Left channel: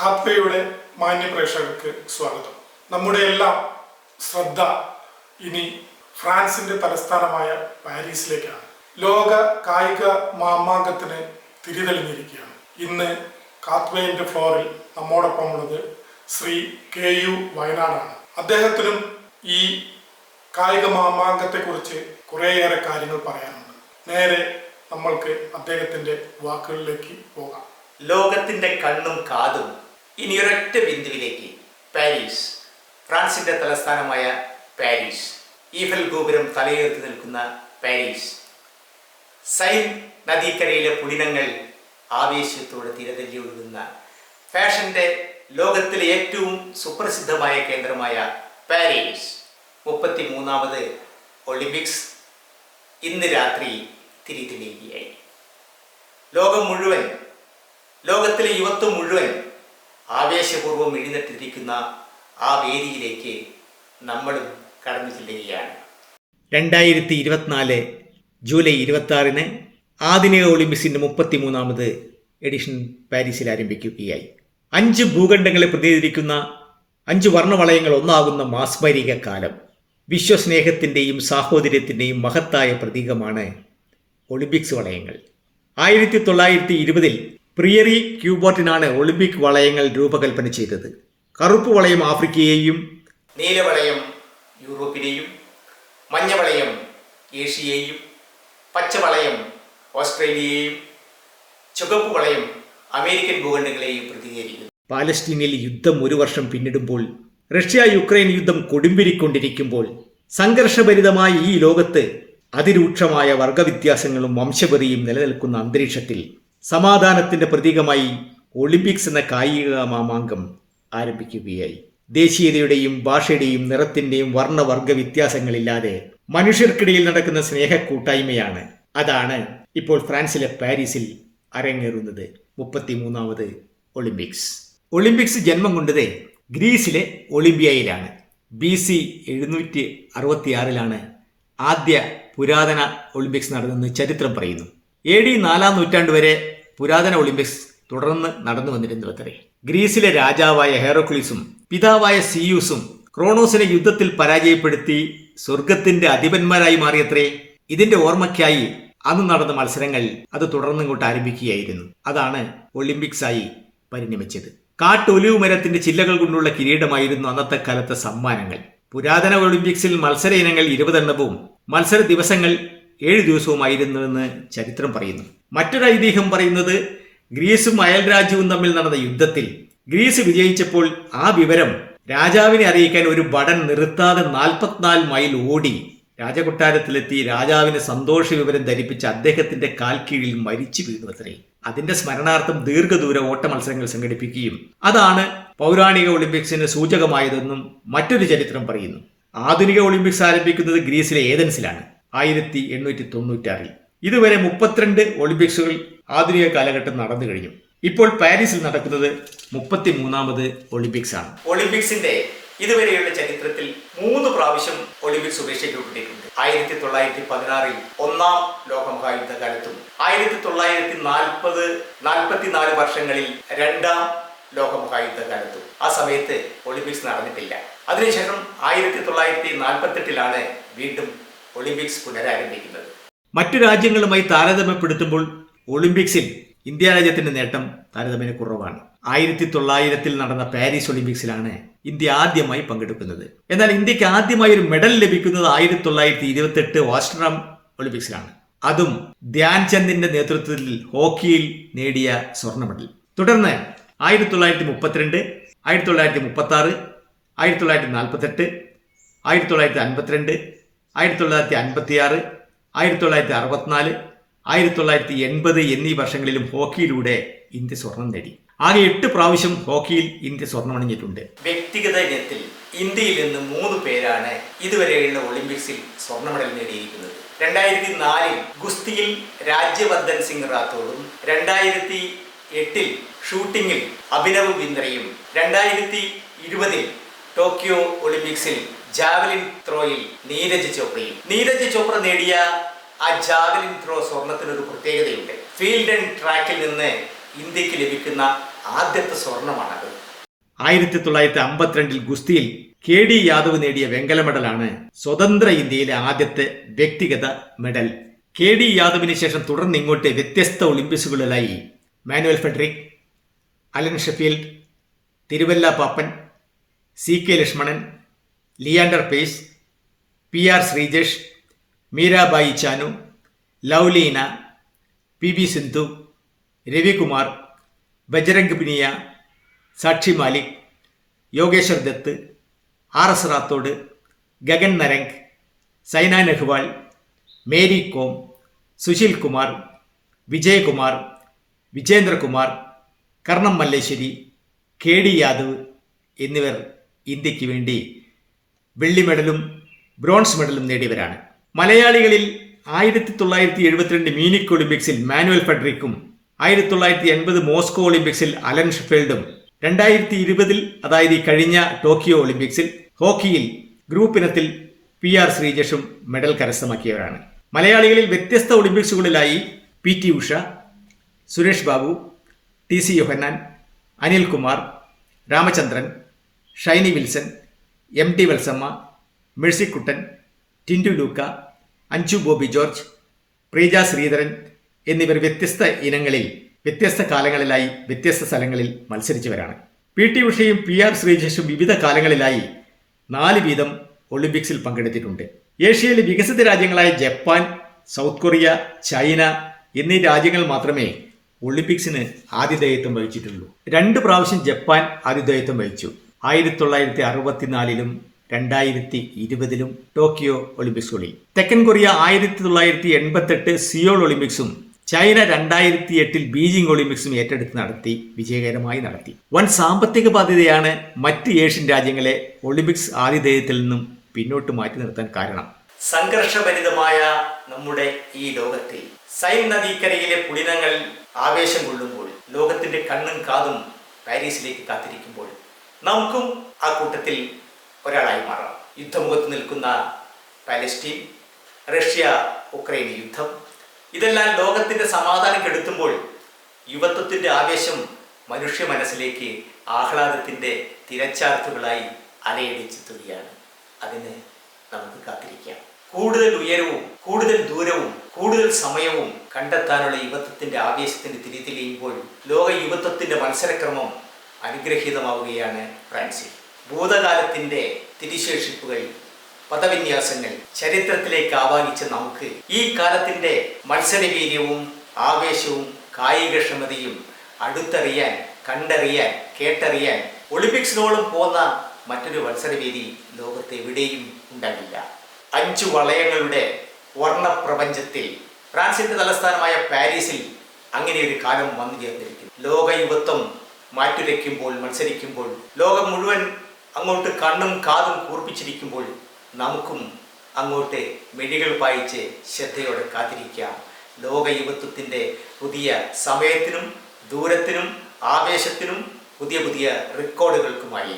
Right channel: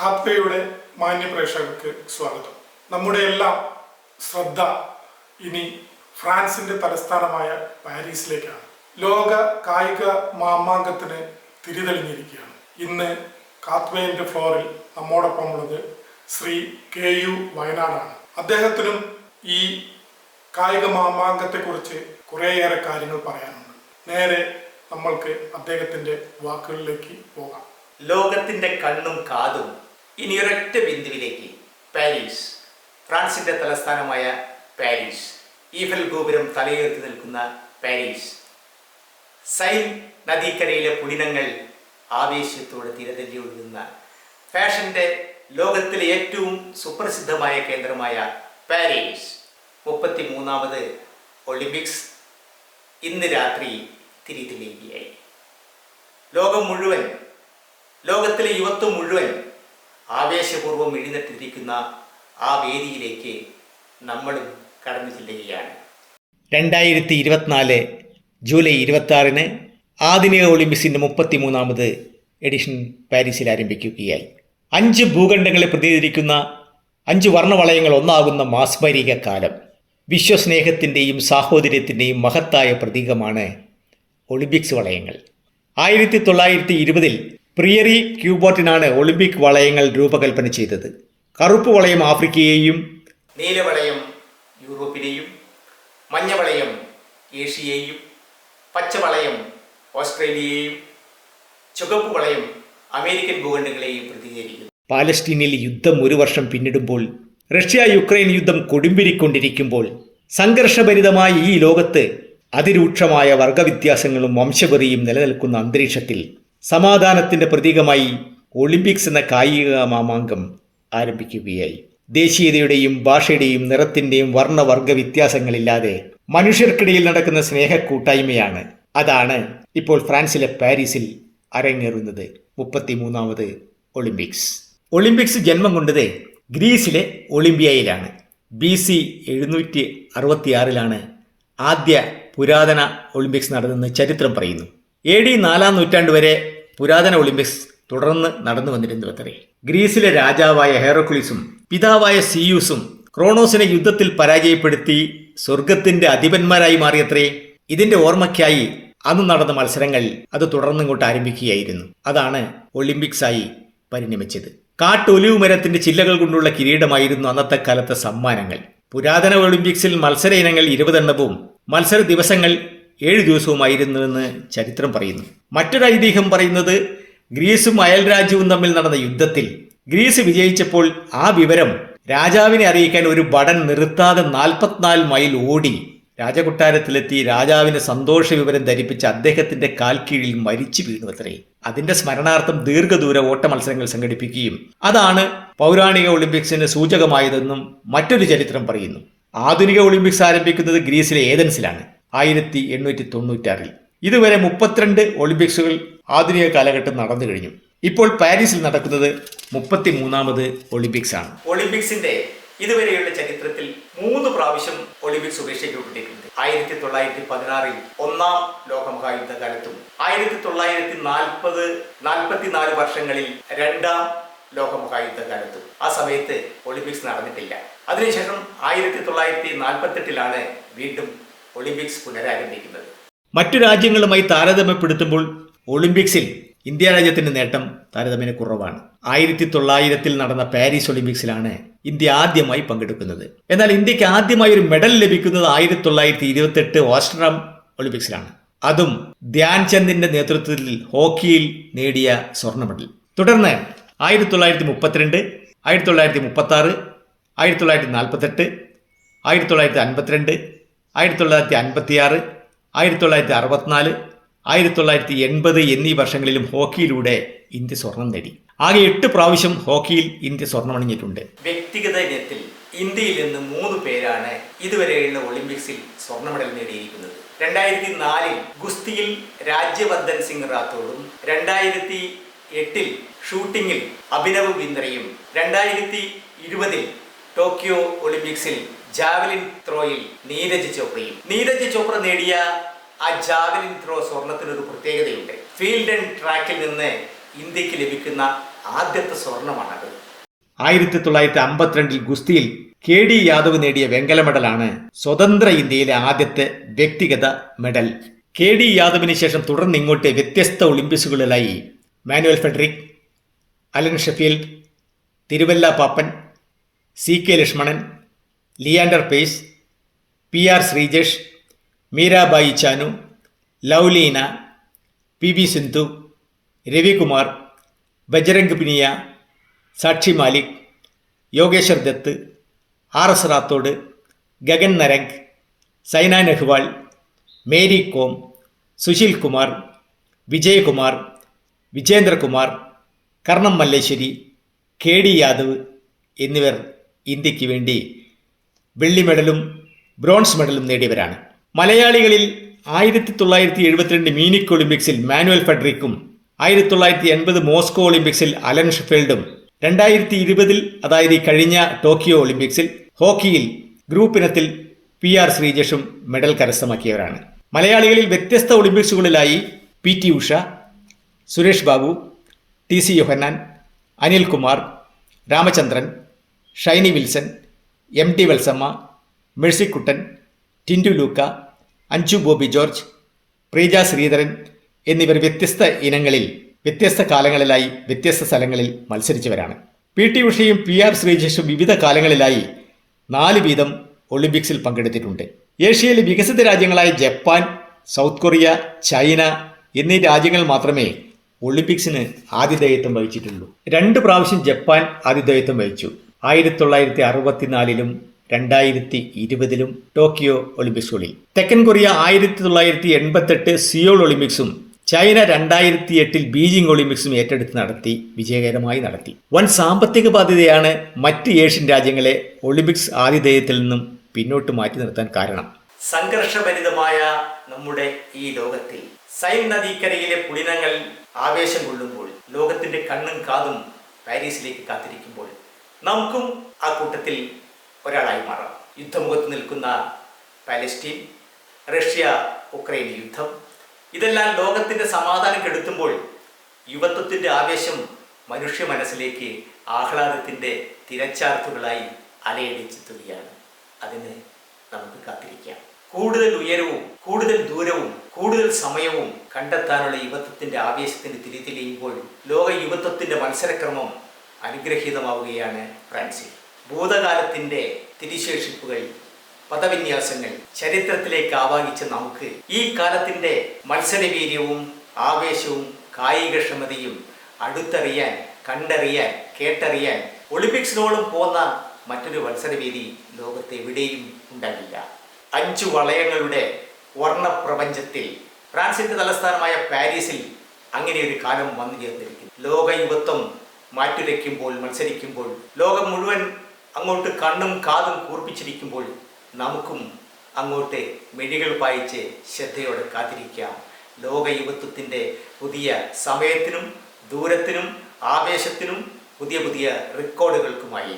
ഖാത്വയുടെ മാന്യ പ്രേക്ഷകർക്ക് സ്വാഗതം. നമ്മുടെ എല്ലാം ശ്രദ്ധ ഇനി ഫ്രാൻസിന്റെ തലസ്ഥാനമായ പാരീസിലേക്കാണ്. ലോക കായിക മാമാങ്കത്തിന് തിരിതെളിഞ്ഞിരിക്കുകയാണ്. ഇന്ന് കാത്വേന്റെ ഫ്ലോറിൽ നമ്മോടൊപ്പം ഉള്ളത് ശ്രീ കെ യു വയനാടാണ്. അദ്ദേഹത്തിനും ഈ കായിക മാമാങ്കത്തെക്കുറിച്ച് കുറേയേറെ കാര്യങ്ങൾ പറയാനുണ്ട്. നേരെ നമ്മൾക്ക് അദ്ദേഹത്തിന്റെ വാക്കുകളിലേക്ക് പോകാം. ലോകത്തിന്റെ കണ്ണും കാതും ഇനി ഒരൊറ്റ ബിന്ദുവിലേക്ക് പാരീസ്. ഫ്രാൻസിന്റെ തലസ്ഥാനമായ പാരീസ്. ഈഫൽ ഗോപുരം തലയുയർത്തി നിൽക്കുന്ന പാരീസ്. സൈൻ നദീക്കരയിലെ പുളിനങ്ങൾ ആവേശത്തോടെ തിരതല്ലി ഒഴുകുന്ന ഫാഷന്റെ ലോകത്തിലെ ഏറ്റവും സുപ്രസിദ്ധമായ കേന്ദ്രമായ പാരീസ്. മുപ്പത്തി മൂന്നാമത് ഒളിമ്പിക്സ് ഇന്ന് രാത്രി തിരിതെളിയുകയായി ലോകം മുഴുവൻ ലോകത്തിലെ യുവത്വം മുഴുവൻ ആവേശപൂർവം എഴുന്നേറ്റിരിക്കുന്ന ആ വേദിയിലേക്ക് നമ്മളും കടന്നു ചെല്ലുകയാണ്. രണ്ടായിരത്തി ഇരുപത്തിനാല് ജൂലൈ ഇരുപത്തി ആധുനിക ഒളിമ്പിക്സിന്റെ മുപ്പത്തി മൂന്നാമത് എഡിഷൻ പാരീസിൽ ആരംഭിക്കുകയായി. അഞ്ച് ഭൂഖണ്ഡങ്ങളെ പ്രതിനിധീകരിക്കുന്ന അഞ്ച് വർണവളയങ്ങൾ ഒന്നാകുന്ന മാസ്മരിക കാലം വിശ്വസ്നേഹത്തിന്റെയും സാഹോദര്യത്തിന്റെയും മഹത്തായ പ്രതീകമാണ് ഒളിമ്പിക്സ് വളയങ്ങൾ. ആയിരത്തി തൊള്ളായിരത്തി ഇരുപതിൽ പ്രിയറി ക്യൂബോട്ടിനാണ് ഒളിമ്പിക് വളയങ്ങൾ രൂപകൽപ്പന ചെയ്തത്. കറുപ്പ് വളയം ആഫ്രിക്കയെയും നീലവളയം യൂറോപ്പിനെയും മഞ്ഞവളയം ഏഷ്യയെയും പച്ചവളയം ഓസ്ട്രേലിയയെയും ചുവപ്പ് വളയം അമേരിക്കൻ ഭൂഖണ്ഡങ്ങളെയും പ്രതിനിധീകരിക്കുന്നു. പാലസ്തീനിൽ യുദ്ധം ഒരു വർഷം പിന്നിടുമ്പോൾ റഷ്യ യുക്രൈൻ യുദ്ധം കൊടുമ്പിരിക്കൊണ്ടിരിക്കുമ്പോൾ സംഘർഷഭരിതമായ ഈ ലോകത്ത് അതിരൂക്ഷമായ വർഗവ്യത്യാസങ്ങളും വംശപതിയും നിലനിൽക്കുന്ന അന്തരീക്ഷത്തിൽ സമാധാനത്തിന്റെ പ്രതീകമായി ഒളിമ്പിക്സ് എന്ന കായിക മാമാങ്കം ആരംഭിക്കുകയായി. ദേശീയതയുടെയും ഭാഷയുടെയും നിറത്തിന്റെയും വർണവർഗ വ്യത്യാസങ്ങളില്ലാതെ മനുഷ്യർക്കിടയിൽ നടക്കുന്ന സ്നേഹ കൂട്ടായ്മയാണ് അതാണ് ഇപ്പോൾ ഫ്രാൻസിലെ പാരീസിൽ അരങ്ങേറുന്നത് മുപ്പത്തിമൂന്നാമത് ഒളിമ്പിക്സ്. ഒളിമ്പിക്സ് ജന്മം കൊണ്ടത് ഗ്രീസിലെ ഒളിമ്പിയയിലാണ്. ബി സി എഴുന്നൂറ്റി അറുപത്തിയാറിലാണ് ആദ്യ പുരാതന ഒളിമ്പിക്സ് നടന്നെന്ന് ചരിത്രം പറയുന്നു. എ ഡി നാലാം നൂറ്റാണ്ട് വരെ പുരാതന ഒളിമ്പിക്സ് തുടർന്ന് നടന്നു വന്നിരുന്നു അത്രേ ഗ്രീസിലെ രാജാവായ ഹെറോക്ലിസും പിതാവായ സിയൂസും ക്രോണോസിനെ യുദ്ധത്തിൽ പരാജയപ്പെടുത്തി സ്വർഗത്തിന്റെ അധിപന്മാരായി മാറിയത്രേ ഇതിന്റെ ഓർമ്മയ്ക്കായി അന്ന് നടന്ന മത്സരങ്ങൾ അത് തുടർന്നിങ്ങോട്ട് ആരംഭിക്കുകയായിരുന്നു. അതാണ് ഒളിമ്പിക്സായി പരിണമിച്ചത്. കാട്ടൊലിവ് മരത്തിന്റെ ചില്ലകൾ കൊണ്ടുള്ള കിരീടമായിരുന്നു അന്നത്തെ കാലത്തെ സമ്മാനങ്ങൾ. പുരാതന ഒളിമ്പിക്സിൽ മത്സര ഇനങ്ങൾ ഇരുപതെണ്ണവും മത്സര ദിവസങ്ങൾ ഏഴ് ദിവസവുമായിരുന്നുവെന്ന് ചരിത്രം പറയുന്നു. മറ്റൊരു ഐതിഹ്യം പറയുന്നത് ഗ്രീസും അയൽ രാജ്യവും തമ്മിൽ നടന്ന യുദ്ധത്തിൽ ഗ്രീസ് വിജയിച്ചപ്പോൾ ആ വിവരം രാജാവിനെ അറിയിക്കാൻ ഒരു ഭടൻ നിർത്താതെ നാൽപ്പത്തിനാല് മൈൽ ഓടി രാജകൊട്ടാരത്തിലെത്തി രാജാവിന് സന്തോഷ വിവരം ധരിപ്പിച്ച അദ്ദേഹത്തിന്റെ കാൽ കീഴിൽ മരിച്ചു വീണു അത്രേ അതിന്റെ സ്മരണാർത്ഥം ദീർഘദൂര ഓട്ട മത്സരങ്ങൾ സംഘടിപ്പിക്കുകയും അതാണ് പൗരാണിക ഒളിമ്പിക്സിന് സൂചകമായതെന്നും മറ്റൊരു ചരിത്രം പറയുന്നു. ആധുനിക ഒളിമ്പിക്സ് ആരംഭിക്കുന്നത് ഗ്രീസിലെ ഏതൻസിലാണ്. ആയിരത്തി എണ്ണൂറ്റി തൊണ്ണൂറ്റാറിൽ ഇതുവരെ മുപ്പത്തിരണ്ട് ഒളിമ്പിക്സുകൾ ആധുനിക കാലഘട്ടം നടന്നു കഴിഞ്ഞു. ഇപ്പോൾ പാരീസിൽ നടക്കുന്നത് മുപ്പത്തി മൂന്നാമത് ഒളിമ്പിക്സ് ആണ് ഒളിമ്പിക്സിന്റെ ഇതുവരെയുള്ള ചരിത്രത്തിൽ മൂന്ന് പ്രാവശ്യം ഒളിമ്പിക്സ് ഉപേക്ഷിക്കപ്പെട്ടിട്ടുണ്ട് ആയിരത്തി തൊള്ളായിരത്തി പതിനാറിൽ ഒന്നാം ലോകമഹായുദ്ധ കാലത്തും ആയിരത്തി തൊള്ളായിരത്തി നാൽപ്പത് നാൽപ്പത്തിനാല് വർഷങ്ങളിൽ രണ്ടാം ലോകമഹായുദ്ധ കാലത്തും ആ സമയത്ത് ഒളിമ്പിക്സ് നടന്നിട്ടില്ല. അതിനുശേഷം ആയിരത്തി തൊള്ളായിരത്തി നാൽപ്പത്തെട്ടിലാണ് വീണ്ടും ഒളിമ്പിക്സ് പുനരാരംഭിക്കുന്നത്. മറ്റു രാജ്യങ്ങളുമായി താരതമ്യപ്പെടുത്തുമ്പോൾ ഒളിമ്പിക്സിൽ ഇന്ത്യ രാജ്യത്തിന്റെ നേട്ടം താരതമ്യേന കുറവാണ്. ആയിരത്തി തൊള്ളായിരത്തിൽ നടന്ന പാരീസ് ഒളിമ്പിക്സിലാണ് ഇന്ത്യ ആദ്യമായി പങ്കെടുക്കുന്നത്. എന്നാൽ ഇന്ത്യയ്ക്ക് ആദ്യമായി ഒരു മെഡൽ ലഭിക്കുന്നത് ആയിരത്തി തൊള്ളായിരത്തി ഇരുപത്തെട്ട് ഓസ്ട്രം ഒളിമ്പിക്സിലാണ്. അതും ധ്യാൻചന്ദിന്റെ നേതൃത്വത്തിൽ ഹോക്കിയിൽ നേടിയ സ്വർണ മെഡൽ തുടർന്ന് ആയിരത്തി തൊള്ളായിരത്തി മുപ്പത്തിരണ്ട് ആയിരത്തി തൊള്ളായിരത്തി മുപ്പത്തി ആറ് ആയിരത്തി തൊള്ളായിരത്തി നാൽപ്പത്തെട്ട് ആയിരത്തി തൊള്ളായിരത്തി അൻപത്തിരണ്ട് ആയിരത്തി തൊള്ളായിരത്തി അൻപത്തിയാറ് ആയിരത്തി തൊള്ളായിരത്തി അറുപത്തിനാല് ആയിരത്തി തൊള്ളായിരത്തി എൺപത് എന്നീ വർഷങ്ങളിലും ഹോക്കിയിലൂടെ ഇന്ത്യ സ്വർണം നേടി. ആകെ എട്ട് പ്രാവശ്യം ഹോക്കിയിൽ ഇന്ത്യ സ്വർണമണിഞ്ഞിട്ടുണ്ട് വ്യക്തിഗത ഇനത്തിൽ ഇന്ത്യയിൽ നിന്ന് മൂന്ന് പേരാണ് ഇതുവരെയുള്ള ഒളിമ്പിക്സിൽ സ്വർണ മെഡൽ നേടിയിരിക്കുന്നത്. രണ്ടായിരത്തി നാലിൽ ഗുസ്തിയിൽ രാജ്യവർദ്ധൻ സിംഗ് റാത്തോഡും രണ്ടായിരത്തി എട്ടിൽ ഷൂട്ടിങ്ങിൽ അഭിനവ് ബിന്ദ്രയും രണ്ടായിരത്തി ഇരുപതിൽ ടോക്കിയോ ഒളിമ്പിക്സിൽ ജാവലിൻ ത്രോയിൽ നീരജ് ചോപ്രയും. നീരജ് ചോപ്ര നേടിയ ആ ജാവലിൻ ത്രോ സ്വർണത്തിനൊരു പ്രത്യേകതയുണ്ട്. ഫീൽഡ് ആൻഡ് ട്രാക്കിൽ നിന്ന് ഇന്ത്യയ്ക്ക് ലഭിക്കുന്ന ആദ്യത്തെ സ്വർണമാണത്. ആയിരത്തി തൊള്ളായിരത്തി അമ്പത്തിരണ്ടിൽ ഗുസ്തിയിൽ കെ ഡി യാദവ് നേടിയ വെങ്കല മെഡലാണ് സ്വതന്ത്ര ഇന്ത്യയിലെ ആദ്യത്തെ വ്യക്തിഗത മെഡൽ. കെ ഡി യാദവിന് ശേഷം തുടർന്ന് ഇങ്ങോട്ട് വ്യത്യസ്ത ഒളിമ്പിക്സുകളിലായി Manuel Frederick Alan Sheffield Thiruvalla Pappan C K Lakshmanan Leander Paes P R Sreejesh Mirabai Chanu Lovlina P V Sindhu Ravikumar Bajrang Punia Sakshi Malik Yogeshwar Dutt R S Rathore Gagan Narang Saina Nehwal Mary Kom Sushil Kumar Vijayakumar Vijendrakumar Karnam Malleswari K D Yadav എന്നിവർ ഇന്ത്യയ്ക്ക് വേണ്ടി വെള്ളി മെഡലും bronze മെഡലും നേടിയവരാണ്. മലയാളികളിൽ ആയിരത്തി തൊള്ളായിരത്തി എഴുപത്തിരണ്ട് Munich ഒളിമ്പിക്സിൽ manual ഫെഡറിക്കും ആയിരത്തി തൊള്ളായിരത്തി എൺപത് മോസ്കോ ഒളിമ്പിക്സിൽ അലൻ ഷെഫീൽഡും രണ്ടായിരത്തി ഇരുപതിൽ അതായത് കഴിഞ്ഞ ടോക്കിയോ ഒളിമ്പിക്സിൽ ഹോക്കിയിൽ ഗ്രൂപ്പ് ഇനത്തിൽ പി ആർ ശ്രീജേഷും മെഡൽ കരസ്ഥമാക്കിയവരാണ്. മലയാളികളിൽ വ്യത്യസ്ത ഒളിമ്പിക്സുകളിലായി P T Usha Suresh Babu T C Yohannan Anilkumar Ramachandran Shiny Wilson M T Valsamma Mercykuttan Tintu Luka Anju Bobby George Preeja Sreedharan എന്നിവർ വ്യത്യസ്ത ഇനങ്ങളിൽ വ്യത്യസ്ത കാലങ്ങളിലായി വ്യത്യസ്ത സ്ഥലങ്ങളിൽ മത്സരിച്ചവരാണ്. പി ടി ഉഷയും പി ആർ ശ്രീജേഷും വിവിധ കാലങ്ങളിലായി നാല് വീതം ഒളിമ്പിക്സിൽ പങ്കെടുത്തിട്ടുണ്ട്. ഏഷ്യയിലെ വികസിത രാജ്യങ്ങളായ ജപ്പാൻ സൗത്ത് കൊറിയ ചൈന എന്നീ രാജ്യങ്ങൾ മാത്രമേ ഒളിമ്പിക്സിന് ആതിഥേയത്വം വഹിച്ചിട്ടുള്ളൂ. രണ്ട് പ്രാവശ്യം ജപ്പാൻ ആതിഥേയത്വം വഹിച്ചു. ആയിരത്തി തൊള്ളായിരത്തി അറുപത്തിനാലിലും രണ്ടായിരത്തി ഇരുപതിലും ടോക്കിയോ ഒളിമ്പിക്സുകളിൽ. തെക്കൻ കൊറിയ ആയിരത്തി തൊള്ളായിരത്തി എൺപത്തെട്ട് സിയോൾ ഒളിമ്പിക്സും ചൈന രണ്ടായിരത്തി എട്ടിൽ ബീജിംഗ് ഒളിമ്പിക്സും ഏറ്റെടുത്ത് നടത്തി വിജയകരമായി നടത്തി. വൻ സാമ്പത്തിക ബാധ്യതയാണ് മറ്റ് ഏഷ്യൻ രാജ്യങ്ങളെ ഒളിമ്പിക്സ് ആതിഥേയത്തിൽ നിന്നും പിന്നോട്ട് മാറ്റി നിർത്താൻ കാരണം. സംഘർഷഭരിതമായ നമ്മുടെ ഈ ലോകത്തിൽ സൈൻ നദീക്കരയിലെ പുളിനങ്ങൾ ആവേശം കൊള്ളുമ്പോൾ ലോകത്തിന്റെ കണ്ണും കാതും പാരീസിലേക്ക് കാത്തിരിക്കുമ്പോൾ നമുക്കും ആ കൂട്ടത്തിൽ ഒരാളായി മാറാം. യുദ്ധമുഖത്ത് നിൽക്കുന്ന പാലസ്റ്റീൻ റഷ്യ ഉക്രൈൻ യുദ്ധം ഇതെല്ലാം ലോകത്തിന്റെ സമാധാനം കെടുത്തുമ്പോൾ യുവത്വത്തിന്റെ ആവേശം മനുഷ്യ മനസ്സിലേക്ക് ആഹ്ലാദത്തിന്റെ തിരച്ചാർത്തുകളായി അലയടിച്ചെത്തുകയാണ് അതിന് നമുക്ക് കാത്തിരിക്കാം. കൂടുതൽ ഉയരവും കൂടുതൽ ദൂരവും കൂടുതൽ സമയവും കണ്ടെത്താനുള്ള യുവത്വത്തിന്റെ ആവേശത്തിന് തിരിതെളിയുമ്പോൾ ലോക യുവത്വത്തിന്റെ മത്സരക്രമം അനുഗ്രഹീതമാവുകയാണ് ഫ്രാൻസിൽ. ഭൂതകാലത്തിന്റെ തിരിശേഷിപ്പുകൾ പദവിന്യാസങ്ങൾ ചരിത്രത്തിലേക്ക് ആവാഹിച്ച നമുക്ക് ഈ കാലത്തിന്റെ മത്സരവീര്യവും ആവേശവും കായികക്ഷമതയും അടുത്തറിയാൻ കണ്ടറിയാൻ കേട്ടറിയാൻ ഒളിമ്പിക്സിനോളം പോന്ന മറ്റൊരു മത്സരവേദി ലോകത്ത് എവിടെയും ഉണ്ടാകില്ല. അഞ്ചു വളയങ്ങളുടെ വർണപ്രപഞ്ചത്തിൽ ഫ്രാൻസിന്റെ തലസ്ഥാനമായ പാരീസിൽ അങ്ങനെ ഒരു കാലം വന്നു ചേർന്നിരിക്കുന്നു ലോക യുവത്വം മാറ്റുരയ്ക്കുമ്പോൾ മത്സരിക്കുമ്പോൾ ലോകം മുഴുവൻ അങ്ങോട്ട് കണ്ണും കാതും കൂർപ്പിച്ചിരിക്കുമ്പോൾ നമുക്കും അങ്ങോട്ട് മെഴികൾ പായിച്ച് ശ്രദ്ധയോടെ കാത്തിരിക്കാം. ലോക യുവത്വത്തിന്റെ പുതിയ സമയത്തിനും ദൂരത്തിനും ആവേശത്തിനും പുതിയ പുതിയ റെക്കോർഡുകൾക്കുമായി